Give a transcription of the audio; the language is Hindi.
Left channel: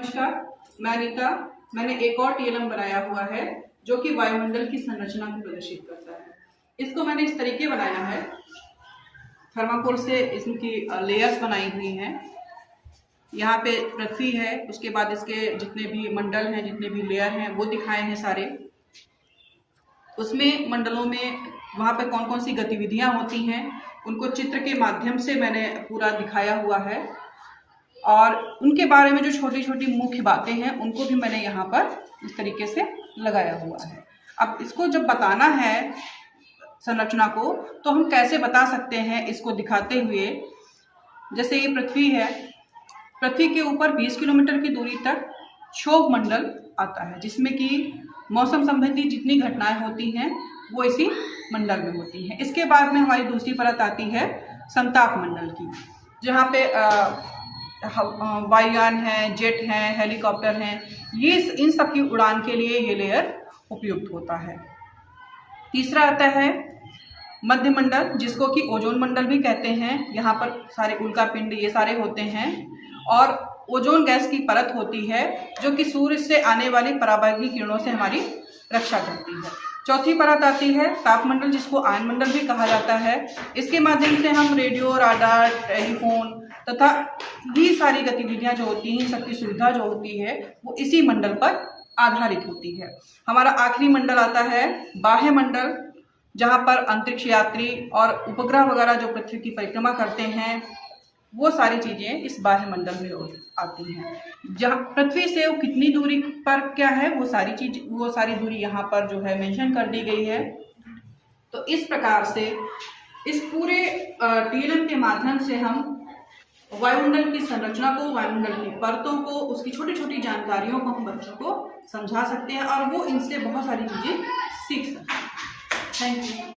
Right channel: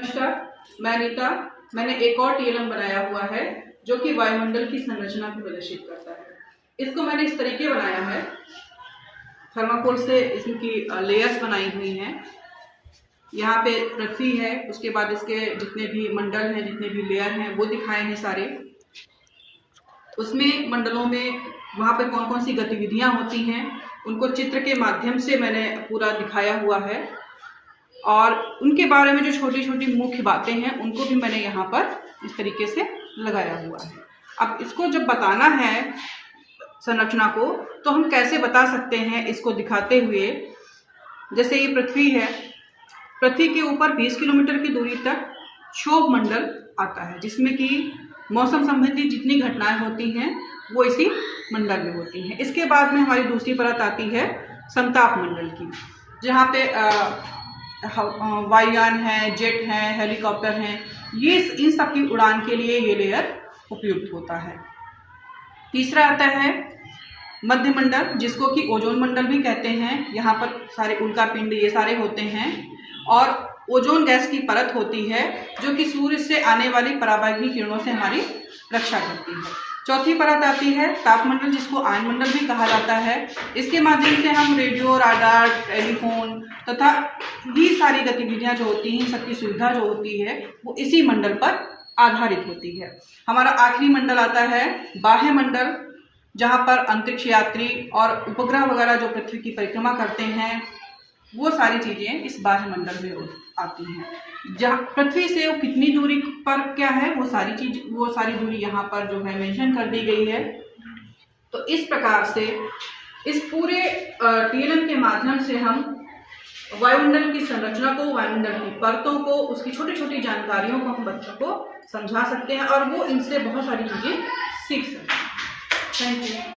नमस्कार, मैं अनीता। मैंने एक और टीएलएम बनाया हुआ है जो कि वायुमंडल की संरचना को प्रदर्शित करता है। इसको मैंने इस तरीके बनाया है, थर्माकोल से इसकी लेयर्स बनाई हुई हैं। यहाँ पे पृथ्वी है, उसके बाद इसके जितने भी मंडल हैं, जितने भी लेयर हैं वो दिखाए हैं सारे। उसमें मंडलों में वहाँ पे कौन कौन सी गतिविधियाँ होती हैं उनको चित्र के माध्यम से मैंने पूरा दिखाया हुआ है, और उनके बारे में जो छोटी छोटी मुख्य बातें हैं उनको भी मैंने यहाँ पर इस तरीके से लगाया हुआ है। अब इसको जब बताना है संरचना को तो हम कैसे बता सकते हैं इसको दिखाते हुए। जैसे ये पृथ्वी है, पृथ्वी के ऊपर 20 किलोमीटर की दूरी तक क्षोभ मंडल आता है, जिसमें कि मौसम संबंधी जितनी घटनाएं होती हैं वो इसी मंडल में होती हैं। इसके बाद में हमारी दूसरी परत आती है संताप मंडल की, जहाँ पे वायुयान है, जेट हैं, हेलीकॉप्टर हैं, ये इन सब की उड़ान के लिए ये लेयर उपयुक्त होता है। तीसरा आता है मध्य मंडल, जिसको कि ओजोन मंडल भी कहते हैं। यहाँ पर सारे उल्का पिंड ये सारे होते हैं, और ओजोन गैस की परत होती है जो कि सूर्य से आने वाली पराबैंगनी किरणों से हमारी रक्षा करती है। चौथी परत आती है तापमंडल, जिसको आयन मंडल भी कहा जाता है। इसके माध्यम से हम रेडियो, राडार, टेलीफोन तथा ये सारी गतिविधियां जो होती हैं, सबकी सुविधा जो होती है वो इसी मंडल पर आधारित होती है। हमारा आखिरी मंडल आता है बाह्य मंडल, जहाँ पर अंतरिक्ष यात्री और उपग्रह वगैरह जो पृथ्वी की परिक्रमा करते हैं वो सारी चीजें इस बाह्य मंडल में आती हैं। जहाँ पृथ्वी से वो कितनी दूरी पर क्या है वो सारी दूरी यहाँ पर जो है मेंशन कर दी गई है। तो इस प्रकार से इस पूरे टीएलएम के माध्यम से हम वायुमंडल की संरचना को, वायुमंडल की परतों को, उसकी छोटी छोटी जानकारियों को हम बच्चों को समझा सकते हैं, और वो इनसे बहुत सारी चीजें सीख सकते हैं। Thank you.